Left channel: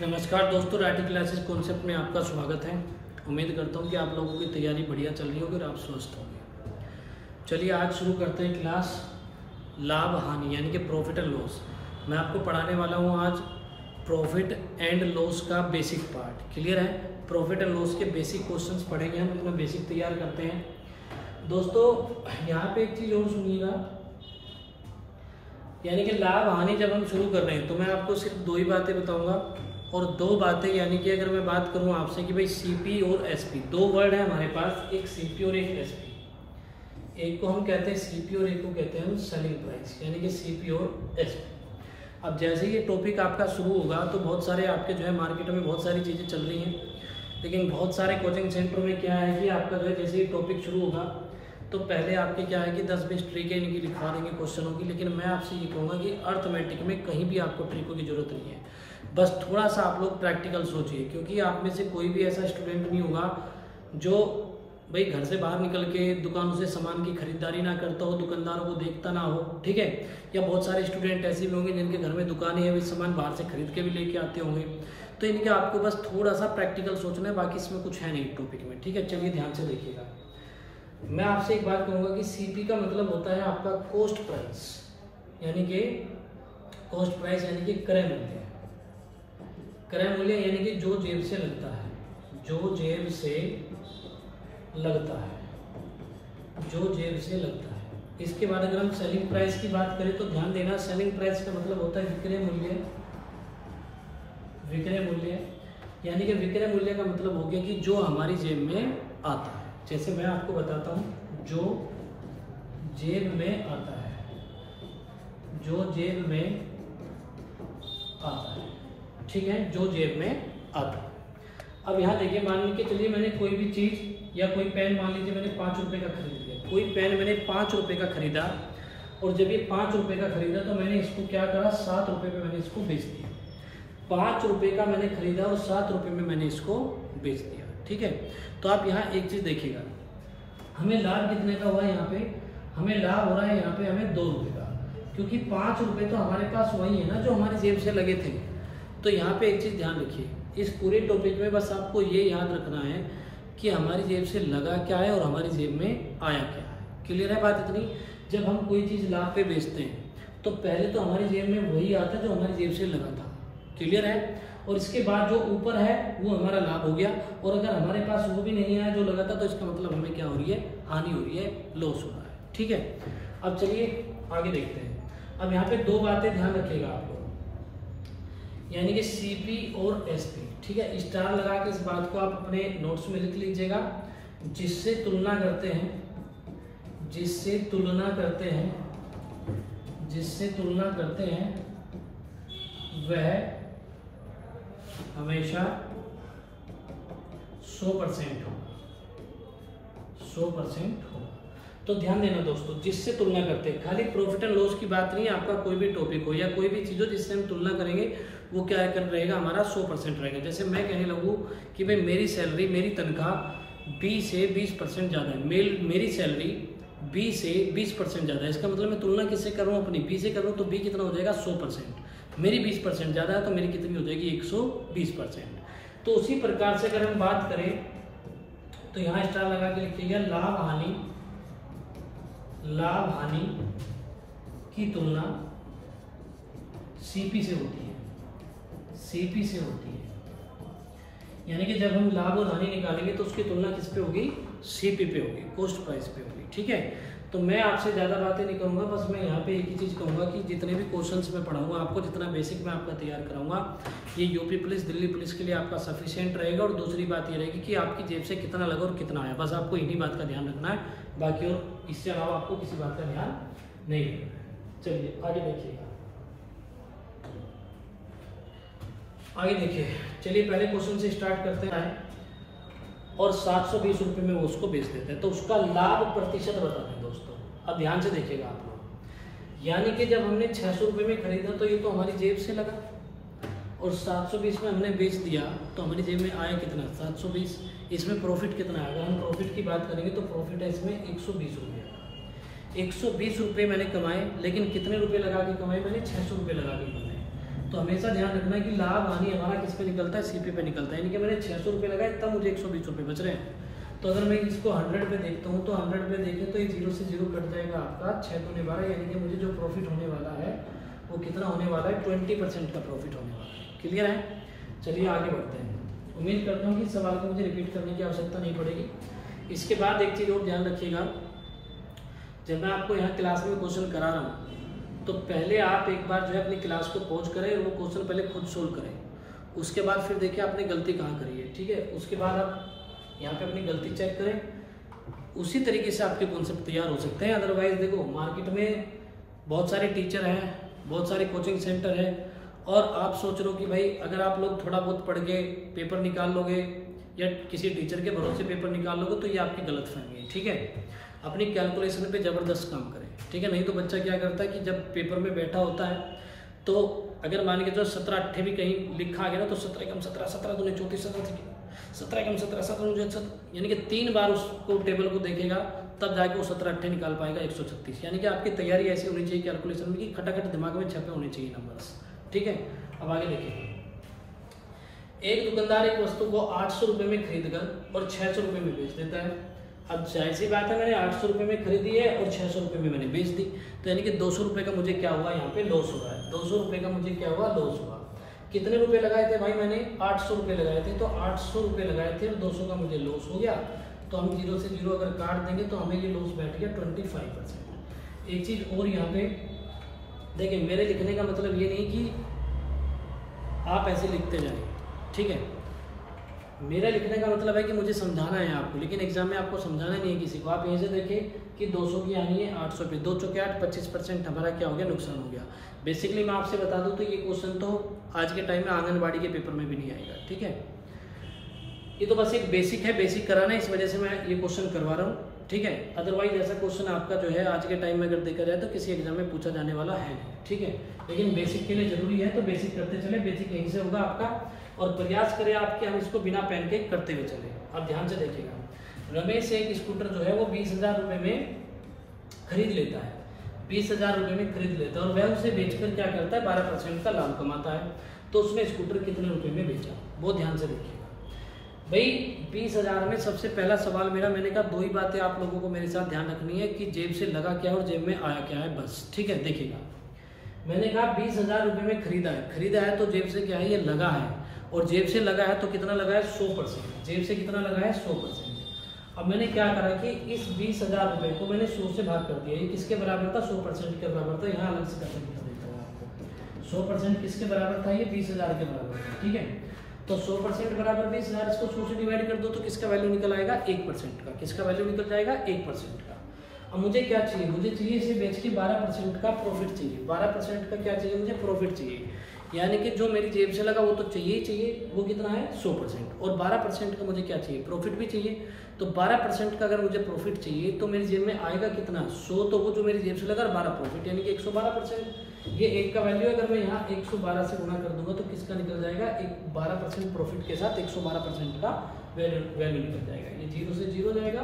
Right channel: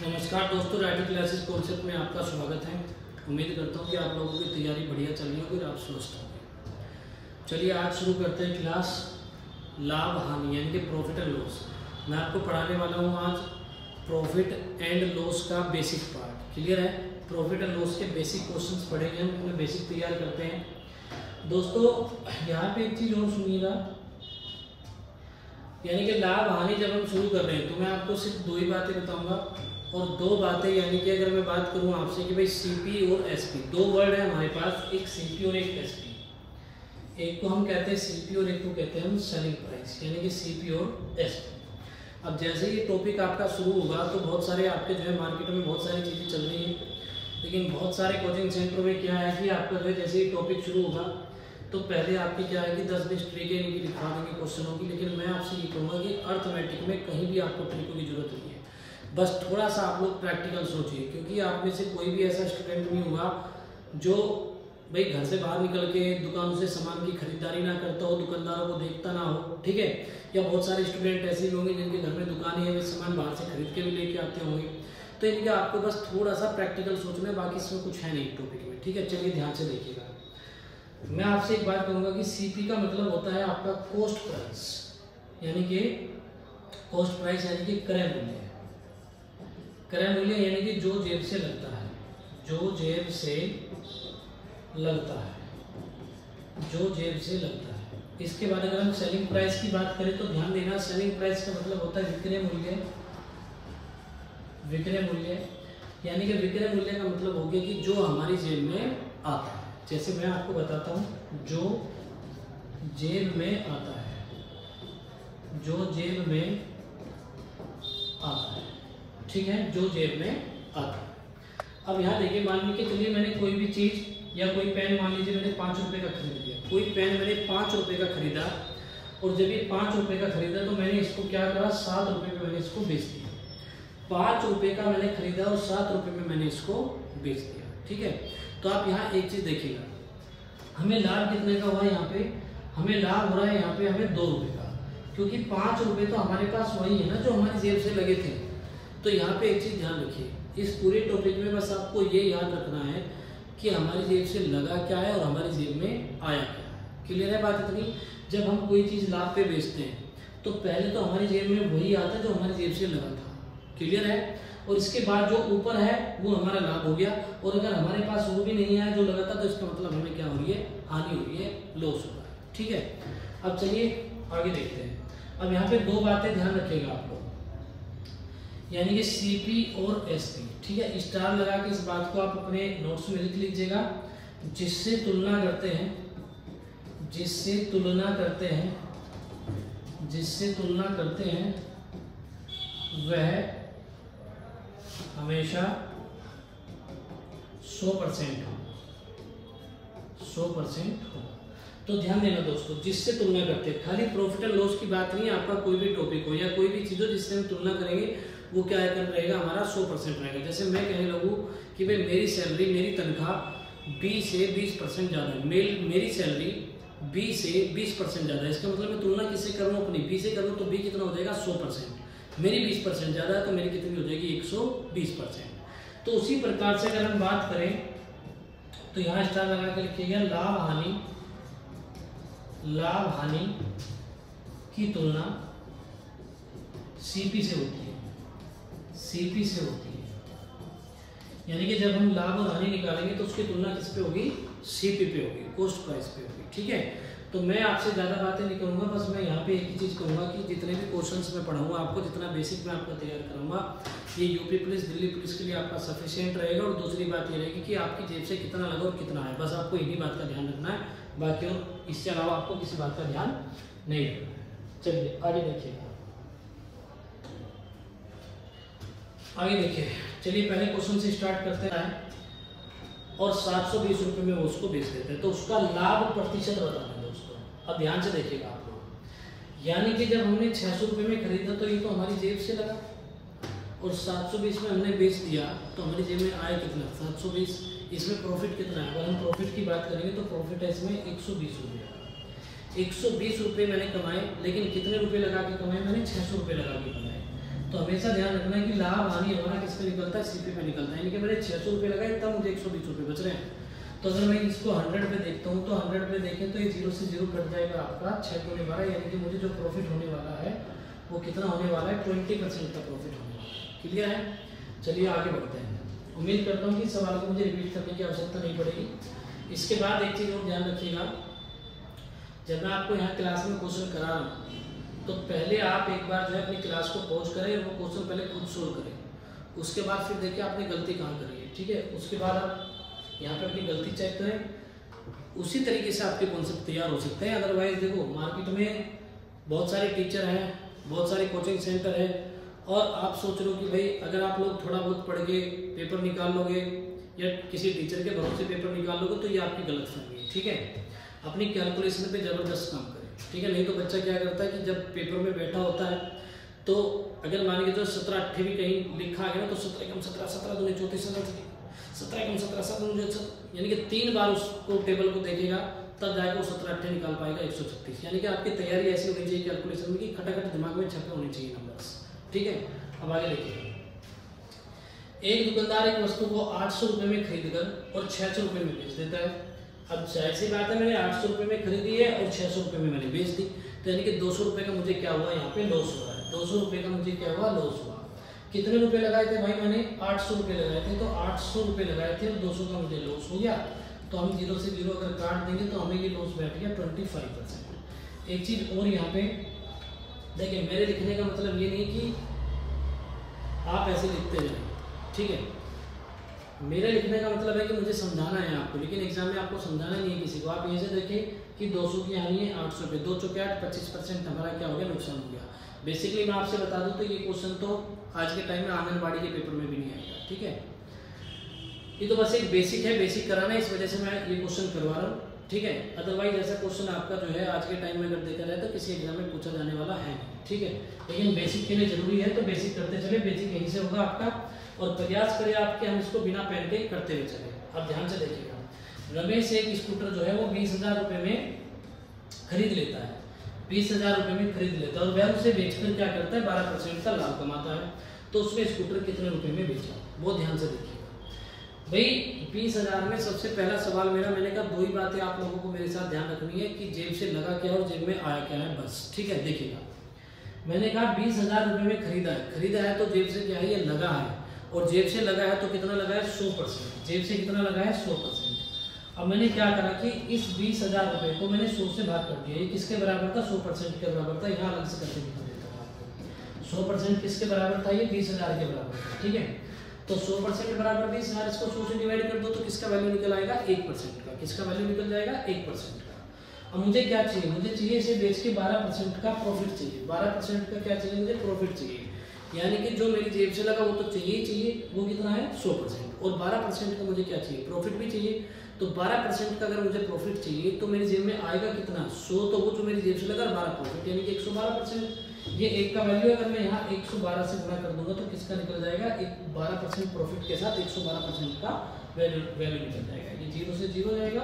नमस्कार दोस्तों, writing classes concept में आपका स्वागत है। उम्मीद करता हूँ कि आप लोगों की तैयारी बढ़िया चल रही होगी और आप स्वस्थ होंगे। चलिए आज शुरू करते हैं क्लास लाभ हानि यानी कि प्रॉफिट एंड लॉस। मैं आपको पढ़ाने वाला हूँ आज प्रॉफिट एंड लॉस का बेसिक पार्ट। क्लियर है? प्रॉफिट एंड लॉस के बेसिक क्वेश्चंस पढ़ेंगे हम, इसमें बेसिक तैयार करते हैं। दोस्तों यहाँ पे एक चीज़ और सुनिएगा, यानी कि लाभ हानि जब हम शुरू कर रहे हैं तो मैं आपको सिर्फ दो ही बातें बताऊंगा और दो बातें, यानी कि अगर मैं बात करूं आपसे कि भाई सीपी और एसपी, दो वर्ड है हमारे पास, एक सीपी और एक एसपी। एक को हम कहते हैं सीपी और एक को कहते हैं हम सेलिंग प्राइस, यानी कि सीपी और एसपी। अब जैसे ये टॉपिक आपका शुरू होगा तो बहुत सारे आपके जो है मार्केट में बहुत सारी चीज़ें चल रही हैं, लेकिन बहुत सारे कोचिंग सेंटर में क्या है कि आपका जो है जैसे ही टॉपिक शुरू होगा तो पहले आपके क्या है कि 10-20 ट्रिकें इनकी लिखवा देंगे क्वेश्चनों की। लेकिन मैं आपसे ये कहूँगा कि अर्थमेटिक में कहीं भी आपको ट्रिकों की जरूरत नहीं है, बस थोड़ा सा आप लोग प्रैक्टिकल सोचिए, क्योंकि आप में से कोई भी ऐसा स्टूडेंट नहीं होगा जो भाई घर से बाहर निकल के दुकानों से सामान की खरीदारी ना करता हो, दुकानदारों को देखता ना हो, ठीक है। या बहुत सारे स्टूडेंट ऐसे भी होंगे जिनके घर में दुकानें हैं, वे सामान बाहर से खरीद के भी लेके आते होंगे। तो इनके आपको बस थोड़ा सा प्रैक्टिकल सोचना है, बाकी इसमें कुछ है नहीं टॉपिक में, ठीक है। चलिए ध्यान से देखिएगा। मैं आपसे एक बात कहूँगा कि सीपी का मतलब होता है आपका कॉस्ट प्राइस, यानी कि कॉस्ट प्राइस यानी कि क्रय मूल्य। क्रय मूल्य यानी कि जो जेब से लगता है, जो जेब से लगता है, जो जेब से लगता है। इसके बाद अगर हम सेलिंग प्राइस की बात करें तो ध्यान देना, सेलिंग प्राइस का मतलब होता है विक्रय मूल्य। विक्रय मूल्य यानी कि विक्रय मूल्य का मतलब हो गया कि जो हमारी जेब में आता है। जैसे मैं आपको बताता हूँ, जो जेब में आता है, जो जेब में आता है, ठीक है, जो जेब में आता है। अब यहाँ देखिए, मान लीजिए चलिए मैंने कोई भी चीज़ या कोई पेन, मान लीजिए मैंने 5 रुपये का खरीद लिया। कोई पेन मैंने 5 रुपये का खरीदा और जब ये 5 रुपये का खरीदा तो मैंने इसको क्या करा, 7 रुपये में मैंने इसको बेच दिया। 5 रुपये का मैंने खरीदा और 7 रुपये में मैंने इसको बेच दिया, ठीक है। तो आप यहाँ एक चीज़ देखिएगा, हमें लाभ कितने का हुआ यहाँ पे, हमें लाभ हो रहा है यहाँ पे हमें 2 रुपये का, क्योंकि 5 रुपये तो हमारे पास वही है ना जो हमारी जेब से लगे थे। तो यहाँ पे एक चीज़ ध्यान रखिए, इस पूरे टॉपिक में बस आपको ये याद रखना है कि हमारी जेब से लगा क्या है और हमारी जेब में आया क्या है। क्लियर है बात इतनी? जब हम कोई चीज़ लाभ पे बेचते हैं तो पहले तो हमारी जेब में वही आता है जो हमारी जेब से लगा था। क्लियर है? और इसके बाद जो ऊपर है वो हमारा लाभ हो गया, और अगर हमारे पास वो भी नहीं आया जो लगा था तो इसका मतलब हमें क्या हो रही है, हानि हो रही है, लॉस हो रहा है, ठीक है। अब चलिए आगे देखते हैं। अब यहाँ पे दो बातें ध्यान रखिएगा आप लोग, यानी कि सीपी और एसपी, ठीक है। स्टार लगा के इस बात को आप अपने नोट्स में लिख लीजिएगा। जिससे तुलना करते हैं, जिससे तुलना करते हैं, जिससे तुलना करते हैं वह हमेशा 100% हो, 100% हो। तो ध्यान देना दोस्तों, जिससे तुलना करते हैं, खाली प्रॉफिट एंड लॉस की बात नहीं है। आपका कोई भी टॉपिक हो या कोई भी चीज़ हो जिससे हम तुलना करेंगे वो क्या कर रहेगा, हमारा 100% रहेगा। जैसे मैं कहने लगूँ कि भाई मेरी सैलरी, मेरी तनख्वाह 20 से 20% ज़्यादा है, मेरी सैलरी 20 से 20% ज़्यादा है। इसका मतलब मैं तुलना किससे कर रहा हूँ, अपनी बी से कर रहा हूँ, तो बी कितना हो जाएगा, 100%। मेरी 20% ज़्यादा है तो मेरी कितनी हो जाएगी, 120%। तो उसी प्रकार से अगर हम बात करें तो यहाँ स्टार लगा के लिखिएगा, लाभ हानि, लाभ हानि की तुलना सीपी से होती है, सीपी से होती है। यानी कि जब हम लाभ और हानि निकालेंगे तो उसकी तुलना किस पे होगी, सीपी पे होगी, कॉस्ट प्राइस पे होगी, ठीक है। तो मैं आपसे ज़्यादा बातें नहीं करूँगा, बस मैं यहाँ पे एक ही चीज़ कहूँगा कि जितने भी क्वेश्चंस मैं पढ़ाऊँगा आपको, जितना बेसिक मैं आपका तैयार कराऊँगा, ये यूपी पुलिस, दिल्ली पुलिस के लिए आपका सफिशिएंट रहेगा। और दूसरी बात ये रहेगी कि आपकी जेब से कितना लगा और कितना आया, बस आपको इन्हीं बात का ध्यान रखना है, बाकी और इससे अलावा आपको किसी बात का ध्यान नहीं रखना। चलिए आगे देखिएगा, आगे देखिए। चलिए पहले क्वेश्चन से स्टार्ट करते हैं। और 720 रुपये में वो उसको बेच देते हैं, तो उसका लाभ प्रतिशत बताते हैं दोस्तों। अब ध्यान से देखिएगा आप लोग, यानी कि जब हमने 600 रुपये में खरीदा तो ये तो हमारी जेब से लगा, और 720 में हमने बेच दिया तो हमारी जेब में आया कितना, 720। इसमें प्रॉफिट कितना है, अगर हम प्रॉफिट की बात करेंगे तो प्रॉफिट है इसमें 120 रुपये का। 120 रुपये मैंने कमाए, लेकिन कितने रुपये लगा के कमाए, मैंने 600 रुपये लगा के कमाए। तो हमेशा ध्यान रखना है कि लाभ हानि हमारा किस पे निकलता है, सीपी पे निकलता है। यानी कि मैंने 600 रुपये लगाए तब मुझे 120 रुपये बच रहे हैं। तो अगर मैं इसको 100 पे देखता हूँ तो 100 पे देखें तो ये 0 से 0 कट जाएगा आपका 6 दूने 12, यानी कि मुझे जो प्रॉफिट होने वाला है वो कितना होने वाला है, 20% का प्रॉफिट होने वाला है। क्लियर है? चलिए आगे बढ़ते हैं। उम्मीद करता हूँ कि इस सवाल को मुझे रिपीट करने की आवश्यकता नहीं पड़ेगी। इसके बाद एक चीज़ और ध्यान रखिएगा, जब मैं आपको यहाँ क्लास में क्वेश्चन करा रहा हूँ तो पहले आप एक बार जो है अपनी क्लास को पॉज करें, वो क्वेश्चन पहले खुद सोल्व करें, उसके बाद फिर देखिए आपने गलती कहाँ करी है। ठीक है? उसके बाद आप यहाँ पे अपनी गलती चेक करें, उसी तरीके से आपके कॉन्सेप्ट तैयार हो सकते हैं। अदरवाइज देखो मार्केट में बहुत सारे टीचर हैं, बहुत सारे कोचिंग सेंटर हैं, और आप सोच रहे हो कि भाई अगर आप लोग थोड़ा बहुत पढ़ के पेपर निकाल लोगे या किसी टीचर के भरोसे पेपर निकाल लोगे तो ये आपकी गलतफहमी है। ठीक है? अपनी कैलकुलेशन पे ज़बरदस्त काम करें। ठीक है? नहीं तो बच्चा क्या करता है कि जब पेपर में बैठा होता है तो अगर मान के जो 17 8 भी कहीं लिखा गया ना तो 17 कम 17 17 दूने 34 17 कम 17 17 मुझे, यानी कि 3 बार उसको टेबल को देखेगा तब जाके वो 17 8 निकाल पाएगा 136। यानी कि आपकी तैयारी ऐसी होनी चाहिए कैलकुलेशन में कि खटाखट दिमाग में छपे होने चाहिए नंबर्स। ठीक है? अब आगे देखिए, एक दुकानदार एक वस्तु को 800 रुपये में खरीद कर और 600 रुपये में बेच देता है। अब जाहिर सी बात है, मैंने 800 रुपये में खरीदी है और 600 रुपये में मैंने बेच दी, तो यानी कि 200 रुपये का मुझे क्या हुआ, यहाँ पे लॉस हुआ है। 200 रुपये का मुझे क्या हुआ, लॉस हुआ। कितने रुपए लगाए थे भाई, मैंने 800 रुपये लगाए थे, तो 800 रुपये लगाए थे और 200 का मुझे लॉस हो गया। तो हम 0 से 0 अगर काट देंगे तो हमें ये लॉस बैठ गया 25%। एक चीज़ और यहाँ पे देखिए, मेरे लिखने का मतलब ये नहीं कि आप ऐसे लिखते जाएंगे। ठीक है? मेरा लिखने का मतलब है कि मुझे समझाना है आपको, लेकिन एग्जाम में आपको समझाना नहीं है किसी को। आप यहीं से देखें कि 200 की आनी है 800 पे, 2 चौके 8, 25% हमारा क्या हो गया, नुकसान हो गया। बेसिकली मैं आपसे बता दूं तो ये क्वेश्चन तो आज के टाइम में आंगनबाड़ी के पेपर में भी नहीं आएगा। ठीक है? ये तो बस एक बेसिक है, बेसिक कराना है, इस वजह से मैं ये क्वेश्चन करवा रहा हूँ। ठीक है? अदरवाइज ऐसा क्वेश्चन आपका जो है आज के टाइम में अगर देखा जाए तो किसी एग्जाम में पूछा जाने वाला है। ठीक है? लेकिन बेसिक के लिए जरूरी है तो बेसिक करते चले, बेसिक यहीं से होगा आपका, और प्रयास करें आपके हम इसको बिना पेन के करते हुए चले। अब ध्यान से देखिएगा, रमेश एक स्कूटर जो है वो 20,000 रुपये में खरीद लेता है, 20,000 रुपये में खरीद लेता है और वह उसे बेचकर क्या करता है, 12% का लाभ कमाता है। तो उसने स्कूटर कितने रुपए में बेचा, बहुत ध्यान से देखिएगा भाई। 20,000 में सबसे पहला सवाल मेरा, मैंने कहा 2 ही बातें आप लोगों को मेरे साथ ध्यान रखनी है कि जेब से लगा क्या और जेब में आया क्या है, बस। ठीक है? देखिएगा, मैंने कहा 20,000 रुपये में खरीदा है तो जेब से क्या है, ये लगा है, और जेब से लगा है तो कितना लगा है, 100%। जेब से कितना लगा है, 100%। अब मैंने क्या करा कि इस 20,000 रुपये को मैंने 100 से भाग कर दिया। ये किसके बराबर था, 100% के बराबर था। यहाँ अलग से करके दिखा देता हूँ आपको। 100% किसके बराबर था, ये 20,000 के बराबर था। ठीक है? तो 100% बराबर 20,000, इसको 100 से डिवाइड कर दो तो किसका वैल्यू निकल आएगा, 1% का। किसका वैल्यू निकल जाएगा, 1% का। अब मुझे क्या चाहिए, मुझे चाहिए इसे बेच के 12% का प्रॉफिट चाहिए। 12% का क्या चाहिए, मुझे प्रॉफिट चाहिए। यानी कि जो मेरी जेब से लगा वो तो चाहिए ही चाहिए, वो कितना है, 100%, और 12% का मुझे क्या चाहिए, प्रॉफिट भी चाहिए। तो 12% का अगर मुझे प्रॉफिट चाहिए तो मेरी जेब में आएगा कितना, 100, तो वो जो मेरी जेब से लगा 12 प्रॉफिट, यानी कि 112%। ये 1 का वैल्यू है, अगर मैं यहाँ 112 से गुणा कर दूंगा तो किसका निकल जाएगा, 12% प्रॉफिट के साथ 112% का वैल्यू निकल जाएगा। ये 0 से 0 जाएगा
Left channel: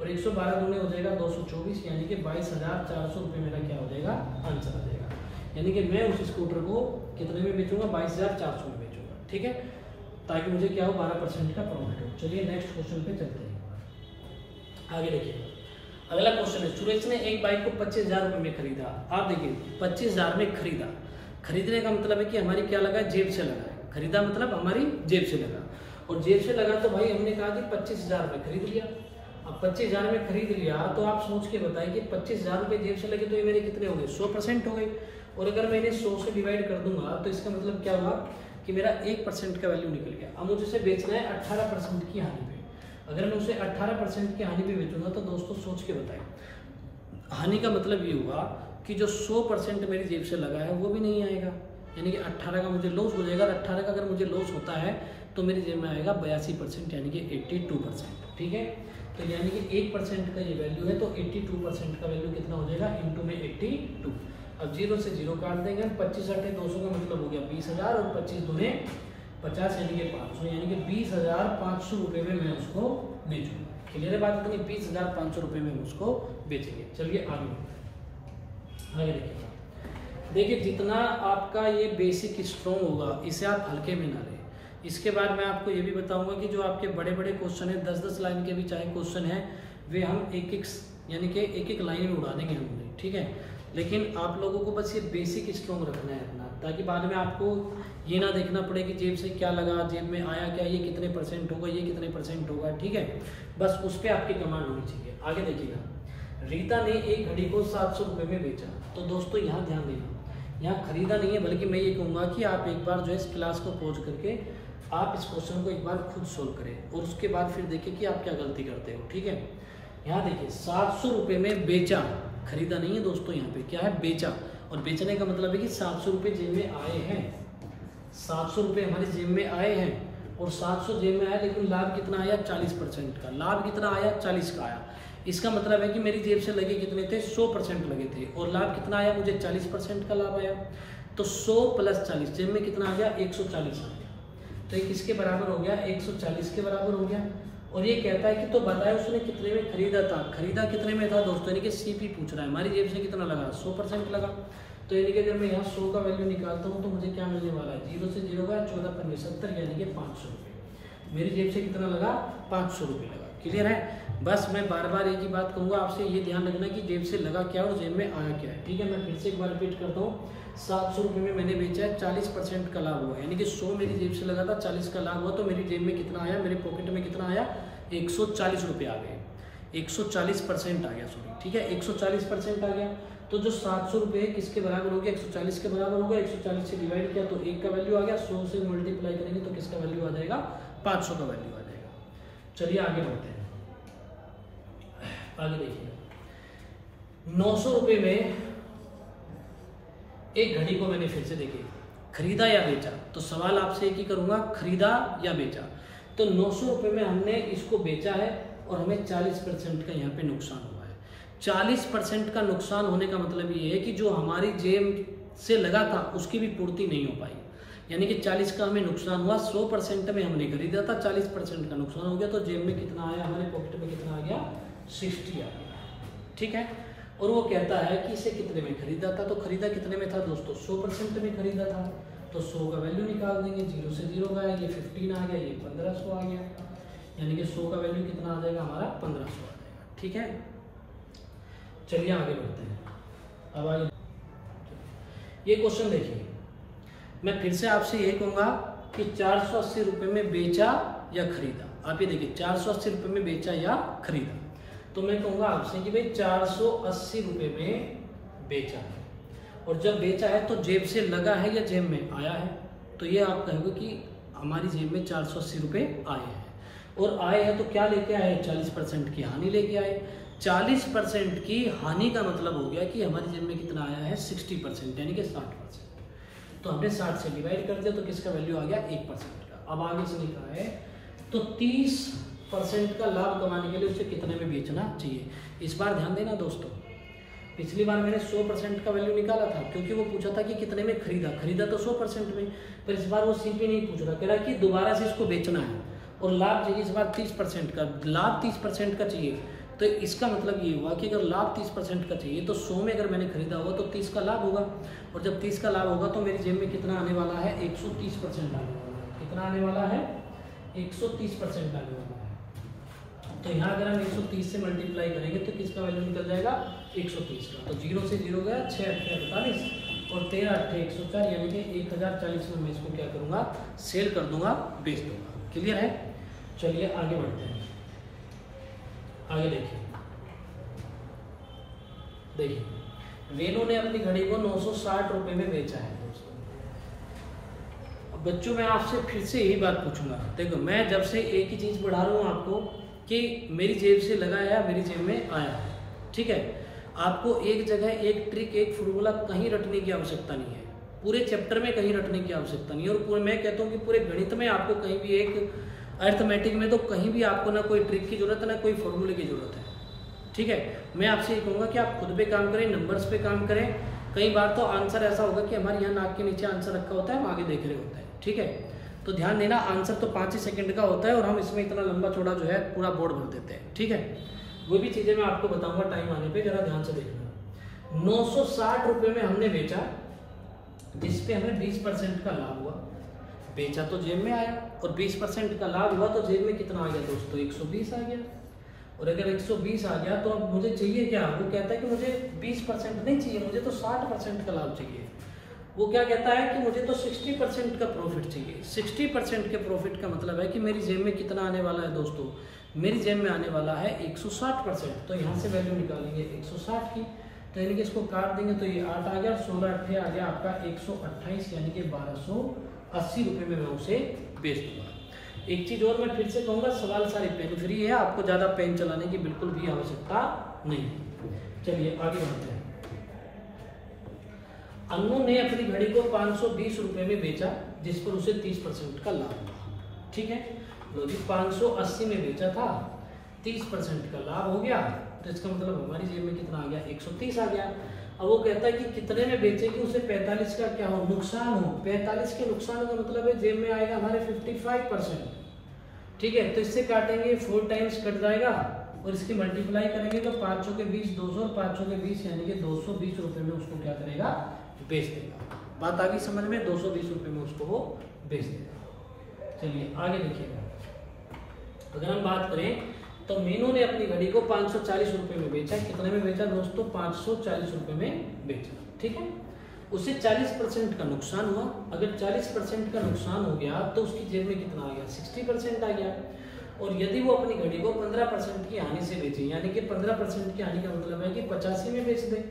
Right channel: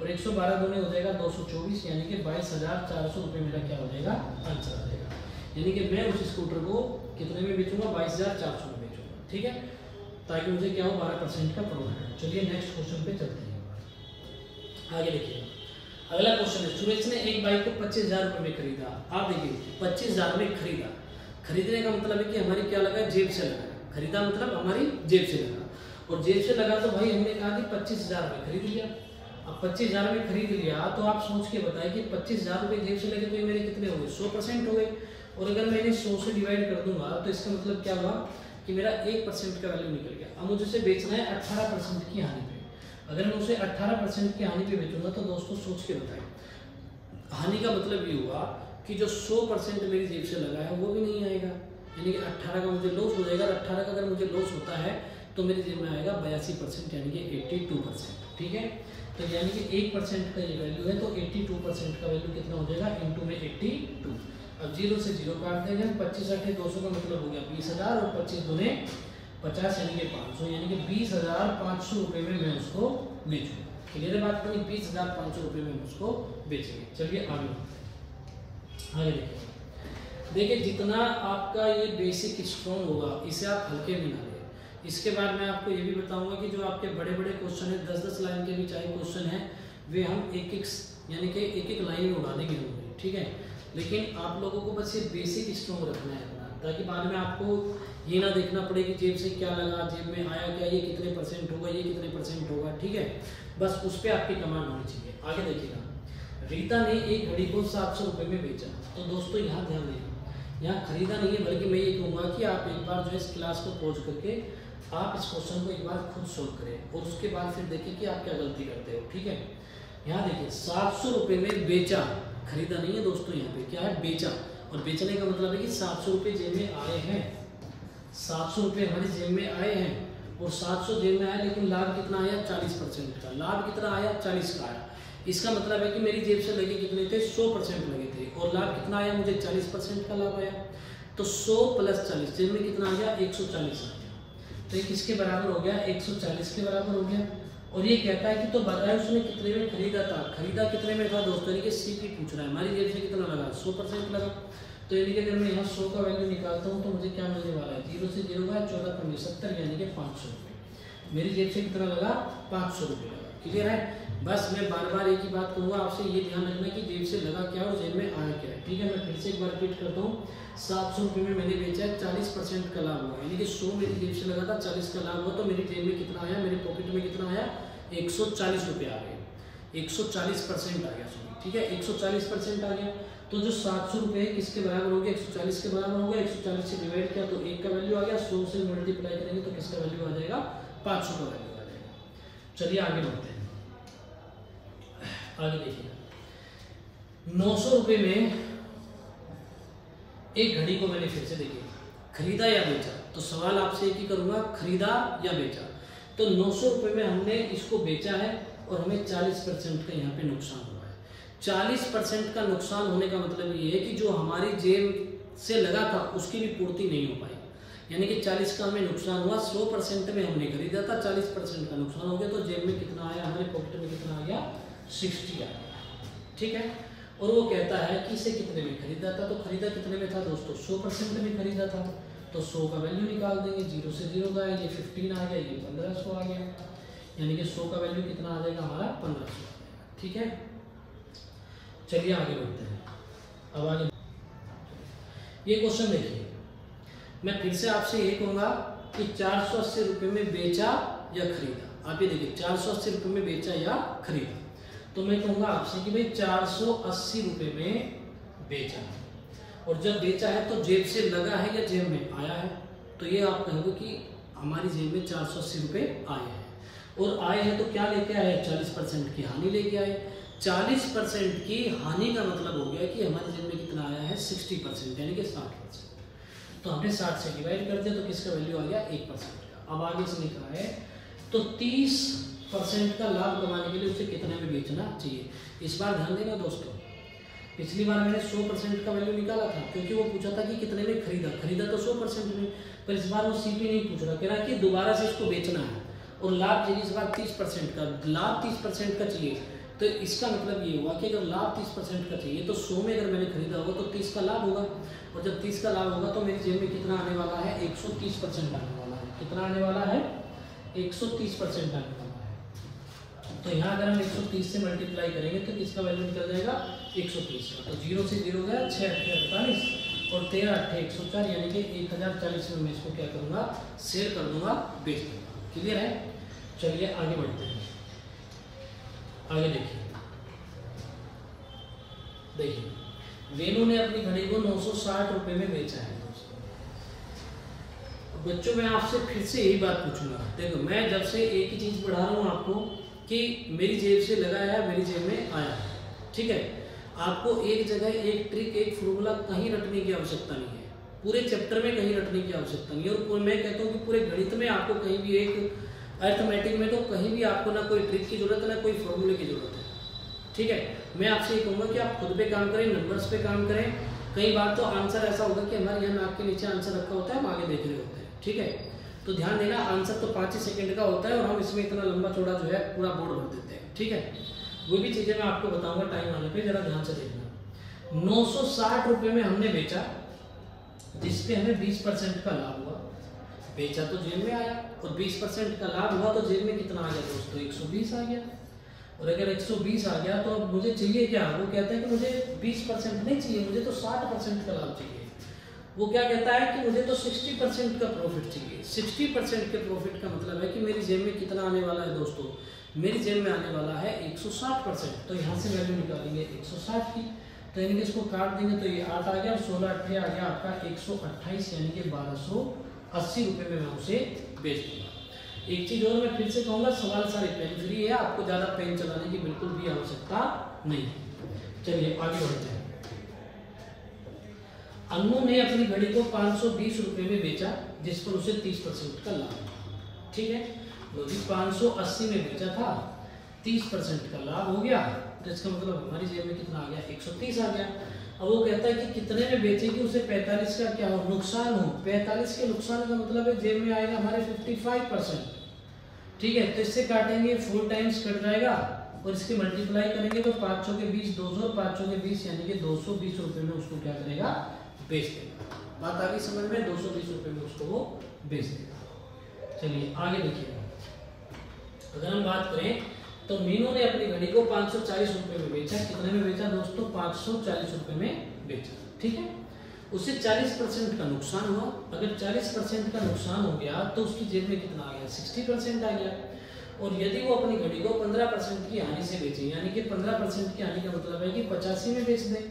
और 112 गुणे हो जाएगा 224, यानी कि 22,400 रुपये मेरा क्या हो जाएगा, आंसर आ जाएगा। यानी कि मैं उस स्कूटर को कितने में बेचूंगा, 22,400 में बेचूंगा। ठीक है? ताकि मुझे क्या हो, 12% का प्रॉफिट हो। चलिए नेक्स्ट क्वेश्चन पे चलते हैं। आगे देखिए, अगला क्वेश्चन है, सुरेश ने एक बाइक को 25,000 रुपये में खरीदा। आप देखिए 25,000 में खरीदा, खरीदने का मतलब है कि हमारी क्या लगा, जेब से लगा है। खरीदा मतलब हमारी जेब से लगा, और जेब से लगा तो भाई हमने कहा कि 25,000 रुपये खरीद लिया। अब 25,000 में खरीद लिया तो आप सोच के बताइए कि 25,000 रुपये जेब से लगे तो ये मेरे कितने हो गए, 100% हो गए। और अगर मैं इन्हें 100 से डिवाइड कर दूंगा तो इसका मतलब क्या हुआ कि मेरा 1% का वैल्यू निकल गया। अब मुझे इसे बेचना है 18% की हानि पे। अगर मैं उसे 18% की हानि पे बेचूंगा तो दोस्तों सोच के बताइए, हानि का मतलब ये हुआ कि जो 100% मेरी जेब से लगा है वो भी नहीं आएगा, यानी कि 18 का मुझे लॉस हो जाएगा। 18 का अगर मुझे लॉस होता है तो मेरी जेब में आएगा 82%, यानी कि 82%। ठीक है? तो यानी कि 1% का ये वैल्यू है तो 82% का वैल्यू कितना हो जाएगा, इंटू में 82। अब 0 से 0 काट देंगे, 25 8 200 का मतलब हो गया 20,000, और 25 दूने 50, यानी कि 500, यानी कि 20,500 रुपये में मैं उसको बेचूंगा। क्लियर है बात, तो 20,500 रुपये में उसको बेचेंगे। चलिए आगे देखिएगा, देखिए जितना आपका ये बेसिक स्ट्रॉन्ग होगा इसे आप हल्के में ना लें। इसके बाद मैं आपको ये भी बताऊंगा कि जो आपके बड़े बड़े क्वेश्चन है 10-10 लाइन के भी चाहे क्वेश्चन है वे हम एक यानी कि एक लाइन में उड़ा देंगे हम, ठीक है। लेकिन आप लोगों को बस ये बेसिक स्ट्रॉन्ग रखना है अपना, ताकि बाद में आपको ये ना देखना पड़े कि जेब से क्या लगा, जेब में आया क्या, ये कितने % होगा, ये कितने % होगा, ठीक है। बस उस पर आपकी कमांड होनी चाहिए। आगे देखिएगा, रीता ने एक घड़ी को 700 रुपये में बेचा। तो दोस्तों यहाँ ध्यान देना, यहाँ खरीदा नहीं है, बल्कि मैं ये कहूँगा कि आप एक बार जो है इस क्लास को पॉज करके आप इस क्वेश्चन को एक बार खुद सोल्व करें और उसके बाद फिर देखें कि आप क्या गलती करते हो, ठीक है। यहाँ देखिए 700 रुपये में बेचा, खरीदा नहीं है दोस्तों, यहाँ पे क्या है, बेचा। और बेचने का मतलब है कि 700 रुपये जेब में आए हैं, 700 रुपये हमारी जेब में आए हैं और 700 जेब में आया, लेकिन लाभ कितना आया, 40% का। लाभ कितना आया, 40 का आया। इसका मतलब है कि मेरी जेब से लगे कितने थे, 100% लगे थे और लाभ कितना आया, मुझे 40% का लाभ आया। तो 100 + 40 जेब में कितना आ गया, 140 आ गया। तो ये किसके बराबर हो गया, 140 के बराबर हो गया। और ये कहता है कि तो बताए उसने कितने में खरीदा था, खरीदा कितने में था दोस्तों, यानी कि सीपी पूछ रहा है, हमारी जेब से कितना लगा, 100% लगा। तो यानी कि अगर मैं यहाँ 100 का वैल्यू निकालता हूँ तो मुझे क्या मिलने वाला है, 0 से 0 का 14×5 यानी कि 500 रुपये। मेरी जेब से कितना लगा, 500 रुपये लगा। क्लियर है। बस मैं बार बार एक ही बात कहूँगा आपसे, ये ध्यान रखना कि जेब से लगा क्या और जेब में आया क्या है, ठीक है। मैं फिर से एक बार रिपीट करता हूँ, 700 रुपये में मैंने बेचा है, 40% का लाभ हुआ, यानी कि 100 मेरी जेब से लगा था, 40 का लाभ हुआ, तो मेरी जेब में कितना आया, मेरे पॉकेट में कितना आया, 140 रुपये आ गए, 140% आ गया, सॉरी, ठीक है, 140% आ गया। तो जो 700 रुपये किसके बराबर हो गया, 140 के बराबर होगा। 140 से डिवाइड किया तो 1 का वैल्यू आ गया, 100 से मल्टीप्लाई करेंगे तो किसका वैल्यू आ जाएगा, 500 का वैल्यू आ जाएगा। चलिए आगे बढ़ते हैं, आगे देखिएगा, 900 रुपये में एक घड़ी को मैंने फिर से देखिए खरीदा या बेचा। तो सवाल आपसे एक ही करूंगा, खरीदा या बेचा। तो 900 रुपये में हमने इसको बेचा है और हमें 40% का यहाँ पे नुकसान हुआ है। 40% का नुकसान होने का मतलब ये है कि जो हमारी जेब से लगा था उसकी भी पूर्ति नहीं हो पाई, यानी कि 40 का हमें नुकसान हुआ। 100% में हमने खरीदा था, 40% का नुकसान हो गया, तो जेब में कितना आया, हमारे पॉकेट में कितना आ गया, 60 आ गया, ठीक है। और वो कहता है कि इसे कितने में खरीदा था। तो खरीदा कितने में था दोस्तों, 100% में खरीदा था, तो 100 का वैल्यू निकाल देंगे, 0 से 0 का, ये 15 आ गया, ये 1500 आ गया, यानी कि 100 का वैल्यू कितना आ जाएगा हमारा, 1500 आ जाएगा, ठीक है। चलिए आगे बढ़ते हैं। अब आगे ये क्वेश्चन देखिए, मैं फिर से आपसे ये कहूँगा कि 480 रुपये में बेचा या खरीदा। आप ये देखिए 480 रुपये में बेचा या खरीदा, तो मैं कहूँगा आपसे कि भाई 480 रुपये में बेचा है, और जब बेचा है तो जेब से लगा है या जेब में आया है। तो ये आप कहोगे कि हमारी जेब में 480 रुपये आए हैं, और आए हैं तो क्या लेके आए हैं, 40% की हानि लेके आए। 40% की हानि का मतलब हो गया कि हमारी जेब में कितना आया है, 60%, यानी कि 60%। तो हमने 60 से डिवाइड कर दिया तो किसका वैल्यू आ गया, 1% का। अब आगे से लिखा है तो 30% का लाभ कमाने के लिए उसे कितने में बेचना चाहिए। इस बार ध्यान देना दोस्तों, पिछली बार मैंने 100% का वैल्यू निकाला था क्योंकि वो पूछा था कि कितने में खरीदा, खरीदा तो 100% में, पर इस बार वो सीपी नहीं पूछ रहा, कह रहा कि दोबारा से इसको बेचना है और लाभ चाहिए इस बार 30% का, लाभ 30% का चाहिए। तो इसका मतलब ये हुआ कि अगर लाभ 30% का चाहिए तो 100 में अगर मैंने खरीदा होगा तो 30 का लाभ होगा, और जब 30 का लाभ होगा तो मेरी जेब में कितना आने वाला है, 130% आने वाला है। कितना आने वाला है, 130% आने वाला है। तो यहाँ अगर हम 130 से मल्टीप्लाई करेंगे तो किसका वैल्यू निकल जाएगा, 130 का। तो 0 से 0 गया, 6 8 48 और 13 8 104, यानी कि 1040 में मैं इसको क्या करूँगा, सेल कर दूंगा, बेच दूंगा। क्लियर है। चलिए आगे बढ़ते हैं, आगे देखिए वेणु ने अपनी घड़ी को 960 रुपये में बेचा है दोस्तों। अब बच्चों मैं आपसे फिर से यही बात पूछूंगा, देखो मैं जब से एक ही चीज़ पढ़ा रहा हूँ आपको कि मेरी जेब से लगा है, मेरी जेब में आया है, ठीक है। आपको एक जगह एक ट्रिक, एक फॉर्मूला कहीं रटने की आवश्यकता नहीं है, पूरे चैप्टर में कहीं रटने की आवश्यकता नहीं है, और मैं कहता हूँ कि पूरे गणित में आपको कहीं भी, एक अर्थमेटिक में तो कहीं भी आपको ना कोई ट्रिक की जरूरत है ना कोई फॉर्मूले की जरूरत है, ठीक है। मैं आपसे ये कहूँगा कि आप खुद पे काम करें, नंबर्स पे काम करें। कई बार तो आंसर ऐसा होगा कि हमारे यहाँ नाक के नीचे आंसर रखा होता है, हम आगे देख रहे होते हैं, ठीक है। तो ध्यान देना, आंसर तो 5 ही सेकंड का होता है और हम इसमें इतना लंबा चौड़ा जो है पूरा बोर्ड भर देते हैं, ठीक है। वो भी चीज़ें मैं आपको बताऊंगा टाइम आने पे, जरा ध्यान से देखना। 960 रुपये में हमने बेचा, जिस पे हमें 20% का लाभ हुआ। बेचा तो जेब में आया और 20% का लाभ हुआ तो जेब में कितना आ गया दोस्तों, 120 आ गया। और अगर 120 आ गया तो अब मुझे चाहिए क्या, वो कहता है कि मुझे 20% नहीं चाहिए, मुझे तो 60% का लाभ चाहिए। वो क्या कहता है कि मुझे तो 60% का प्रॉफिट चाहिए। 60% के प्रॉफिट का मतलब है कि मेरी जेब में कितना आने वाला है दोस्तों, मेरी जेब में आने वाला है 160%। तो यहाँ से वैल्यू निकालेंगे 160 की, तो यानी कि इसको काट देंगे तो ये 8 आ गया, 16 8 आ गया आपका 128, यानी कि 1280 रुपये में मैं उसे बेच दूंगा। एक चीज़ और मैं फिर से कहूँगा, सवाल सारे पेन फ्री है, आपको ज़्यादा पेन चलाने की बिल्कुल भी आवश्यकता नहीं। चलिए आगे बढ़ते हैं। अन्नू ने अपनी घड़ी को 520 रुपये में बेचा, जिस पर उसे 30% का लाभ हुआ। ठीक है, लो जी 580 में बेचा था, 30% का लाभ हो गया, तो इसका मतलब हमारी जेब में कितना आ गया, 130 आ गया। अब वो कहता है कि कितने में बेचे कि उसे 45 का क्या हो, नुकसान हो। 45 के नुकसान का मतलब है जेब में आएगा हमारे 55%। ठीक है, तो इससे काटेंगे 4 टाइम्स कट जाएगा और इसकी मल्टीप्लाई करेंगे तो 5 के 20 200 और 5 के 20 यानी कि 220 रुपये में उसको क्या करेगा, बेच देगा। बात आ गई समझ में, 220 रुपये में उसको वो बेच देगा। चलिए आगे देखिएगा। अगर हम बात करें तो मीनू ने अपनी घड़ी को 540 रुपये में बेचा। कितने में बेचा दोस्तों, 540 रुपये में बेचा। ठीक है, उसे 40% का नुकसान हुआ। अगर 40% का नुकसान हो गया तो उसकी जेब में कितना आ गया, 60% आ गया। और यदि वो अपनी घड़ी को 15% की हानि से बेचे, यानी कि 15% की हानि का मतलब है कि 85 में बेच दे,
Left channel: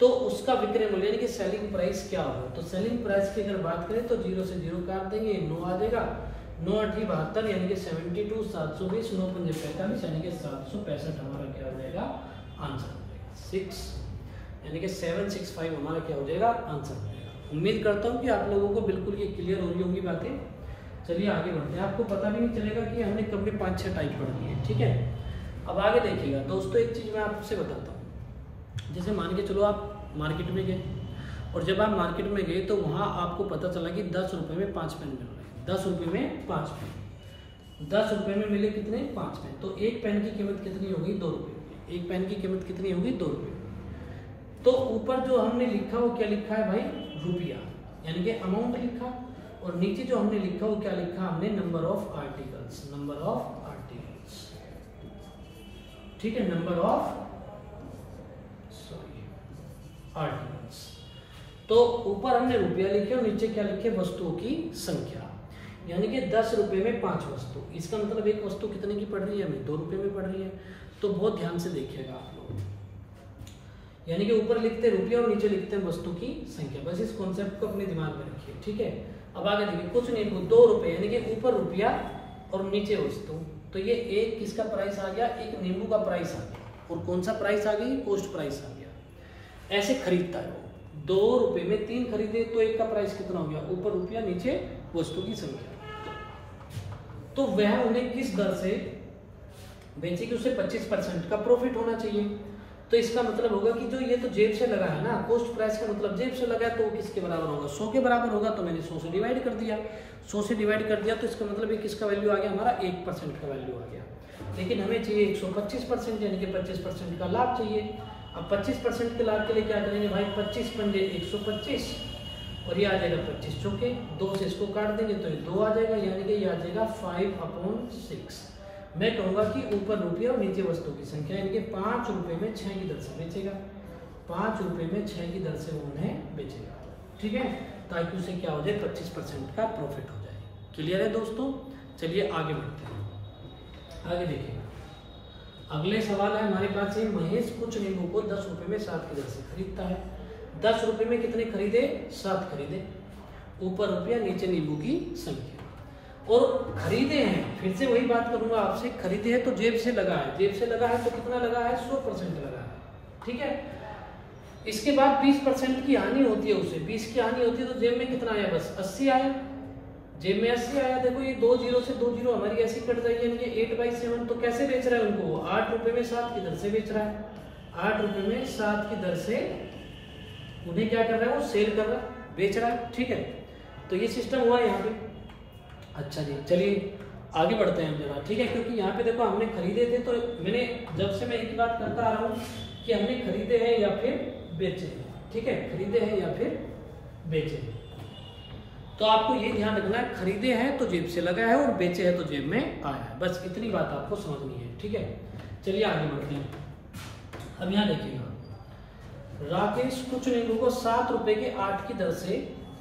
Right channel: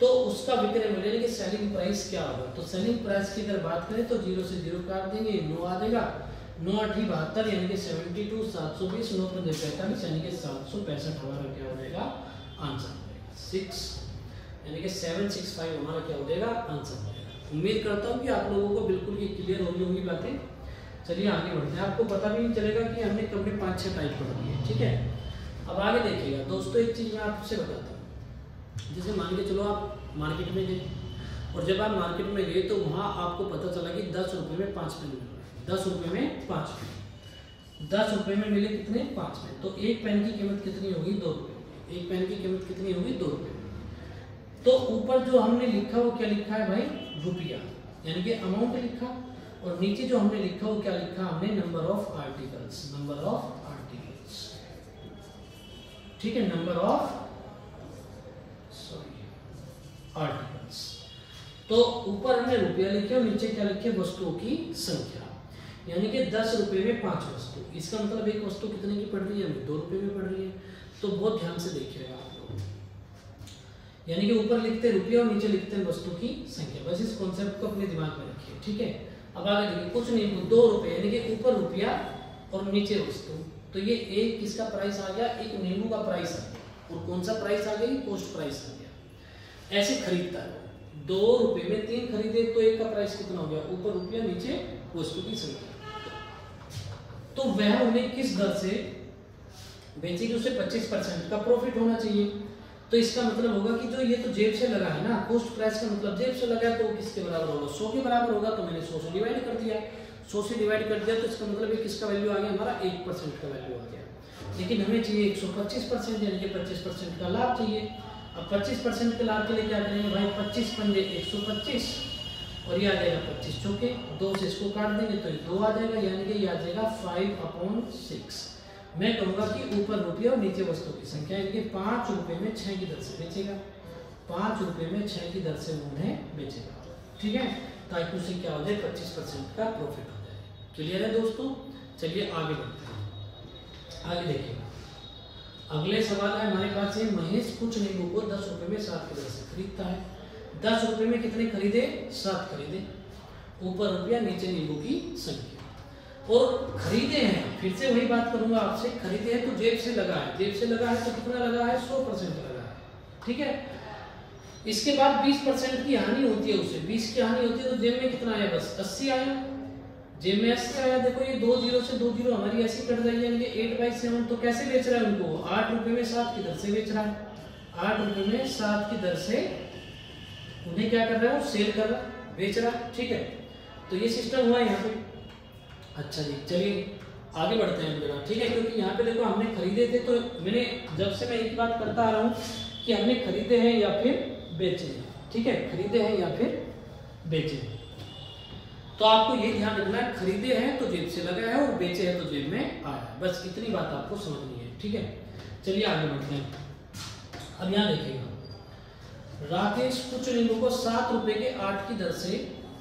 तो उसका विक्रय मूल्य यानी कि सेलिंग प्राइस क्या होगा। तो सेलिंग प्राइस की अगर बात करें तो 0 से 0 काट देंगे, 9 आ जाएगा, 9 8 72 यानी कि 72, 720, 9 5 45 यानी कि 765 हमारा क्या हो जाएगा, आंसर हो जाएगा 6 यानी कि 765 हमारा क्या हो जाएगा, आंसर हो जाएगा। उम्मीद करता हूँ कि आप लोगों को बिल्कुल ये क्लियर हो रही होंगी बातें। चलिए आगे बढ़ते हैं, आपको पता भी नहीं चलेगा कि हमने कपड़े 5-6 टाइप पढ़ दिए। ठीक है, अब आगे देखिएगा दोस्तों, एक चीज़ मैं आपसे बताता हूँ। जैसे मान के चलो आप मार्केट में गए, और जब आप मार्केट में गए तो वहाँ आपको पता चला कि 10 रुपये में 5 पेन मिल रहे हैं। 10 रुपये में 5 पेन, 10 रुपये में मिले कितने, 5 पेन। तो एक पेन की कीमत कितनी होगी, 2 रुपये। एक पेन की कीमत कितनी होगी, 2 रुपये। तो ऊपर जो हमने लिखा वो क्या लिखा है भाई, रुपया, यानी कि अमाउंट लिखा, और नीचे जो हमने लिखा वो क्या लिखा, हमने number of articles, number of articles. ठीक है, नंबर ऑफ आर्टिकल्स। तो ऊपर हमने रुपया लिखे और नीचे क्या लिखे, वस्तुओं की संख्या, यानी कि 10 रुपये में 5 वस्तु। इसका मतलब एक वस्तु कितने की पड़ रही है, हमें 2 रुपये में पड़ रही है। तो बहुत ध्यान से देखिएगा आप लोग, यानी कि ऊपर लिखते हैं रुपया और नीचे लिखते हैं वस्तु की संख्या। बस इस कॉन्सेप्ट को अपने दिमाग में रखिए। ठीक है, अब आगे देखिए, कुछ नहीं, 2 रुपये यानी कि ऊपर रुपया और नीचे वस्तु। तो ये एक किसका प्राइस आ गया, एक नींबू का प्राइस आ गया। और कौन सा प्राइस आ गई, कॉस्ट प्राइस आ गया। ऐसे खरीदता है, 2 रुपये में 3 खरीदे तो एक का प्राइस कितना हो गया, ऊपर रुपया नीचे वस्तु की संख्या। तो वह उन्हें किस दर से बेचेगी, उसे 25% का प्रॉफिट होना चाहिए। तो इसका मतलब होगा कि जो ये तो जेब से लगा है ना, कॉस्ट प्राइस का मतलब जेब से लगा है, तो वो किसके बराबर होगा, 100 के बराबर होगा। तो मैंने 100 से डिवाइड कर दिया, 100 से डिवाइड कर दिया, तो इसका मतलब ये किसका वैल्यू आ गया, हमारा 1% का वैल्यू आ गया। लेकिन हमें चाहिए 125% यानी कि 25% का लाभ चाहिए। अब 25% के लाभ के लिए क्या करेंगे भाई, 25 पंजे 125 और ये आ जाएगा 25 चौके, 2 से इसको काट देंगे तो ये 2 आ जाएगा, यानी कि ये आ जाएगा 5/6। मैं कहूँगा कि ऊपर रुपया और नीचे वस्तु की संख्या, यानी कि 5 रुपये में 6 की दर से बेचेगा। 5 रुपये में 6 की दर से वो उन्हें बेचेगा। ठीक है, ताकि उसे क्या हो जाए, 25% का प्रॉफिट हो जाए। क्लियर है दोस्तों, चलिए आगे बढ़ते हैं। आगे देखिएगा, अगले सवाल है हमारे पास, ये महेश कुछ नींबू को 10 रुपये में 7 की दर से खरीदता है। 10 रुपये में कितने खरीदे, 7 खरीदे। ऊपर रुपया नीचे नींबू की संख्या, और खरीदे हैं, फिर से वही बात करूंगा आपसे, खरीदे हैं तो जेब से लगा है। जेब से लगा है तो कितना लगा है, 100% लगा है। ठीक है, इसके बाद 20% की हानि होती है, उसे 20 की हानि होती है, तो जेब में कितना आया, बस 80 आया। जेब में 80 आया। देखो ये 2 0 से 2 0 हमारी ऐसी कट जाएगी, यानी कि 8/7। तो कैसे बेच रहा है उनको, 8 रुपये में 7 की दर से बेच रहा है। 8 रुपये में 7 की दर से उन्हें क्या कर रहा है, वो सेल कर रहा है, बेच रहा है। ठीक है, तो ये सिस्टम हुआ यहाँ पे। अच्छा जी, चलिए आगे बढ़ते हैं जरा। ठीक है, क्योंकि यहाँ पे देखो हमने खरीदे थे, तो मैंने जब से मैं एक बात करता आ रहा हूँ कि हमने खरीदे हैं या फिर बेचे हैं। ठीक है, खरीदे हैं या फिर बेचे हैं। तो आपको ये ध्यान रखना है, खरीदे हैं तो जेब से लगा है और बेचे हैं तो जेब में आया है। बस इतनी बात आपको समझनी है, ठीक है। चलिए आगे बढ़ते हैं। अब यहाँ देखिएगा, राकेश कुछ नींबू को 7 रुपए के 8 की दर से,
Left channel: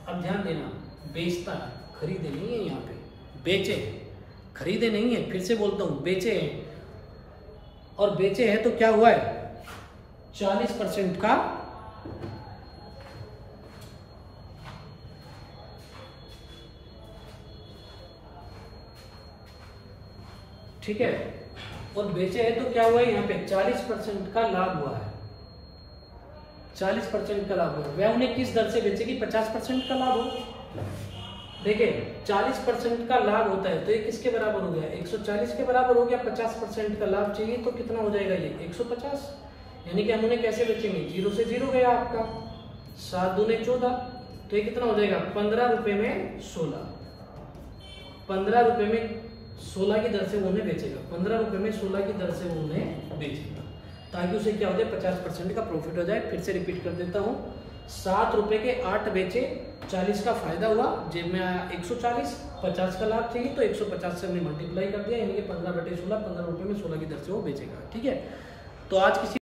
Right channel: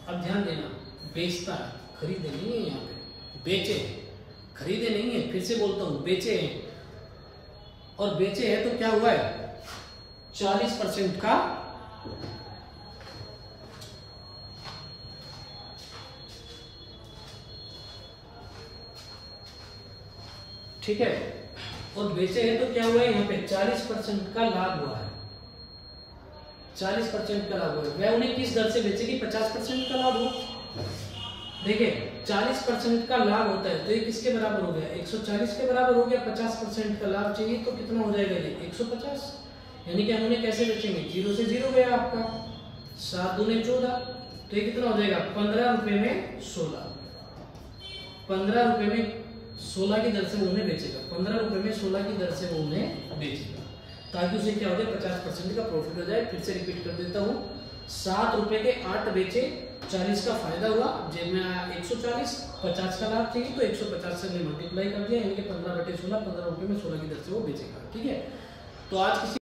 अब ध्यान देना, बेचता है, खरीदे नहीं है, यहाँ पे बेचे हैं, खरीदे नहीं है, फिर से बोलता हूं बेचे हैं। और बेचे हैं तो क्या हुआ है, 40% का ठीक है। और बेचे हैं तो क्या हुआ है, यहाँ पे 40% का लाभ हुआ है, 40% का लाभ हुआ है। वह उन्हें किस दर से बेचेगी, 50% का लाभ हो। देखिए 40% का लाभ होता है तो ये किसके बराबर हो गया, 140 के बराबर हो गया। 50% का लाभ चाहिए तो कितना हो जाएगा, ये 150। यानी कि हम उन्हें कैसे बेचेंगे, 0 से 0 गया आपका, 7 दूने 14, तो ये कितना हो जाएगा, 15 रुपए में 16, 15 रुपए में 16 की दर से वो उन्हें बेचेगा, 15 रुपए में 16 की दर से वो उन्हें बेचेगा, ताकि उसे क्या हो जाए, 50% का प्रॉफिट हो जाए। फिर से रिपीट कर देता हूँ, 7 रुपए के 8 बेचे, 40 का फायदा हुआ, जेब में आया 140, 50 का लाभ चाहिए तो 150 से हमने मल्टीप्लाई कर दिया, यानी कि 15/16, 15 रुपए में 16 की दर से वो बेचेगा, ठीक है। तो आज किसी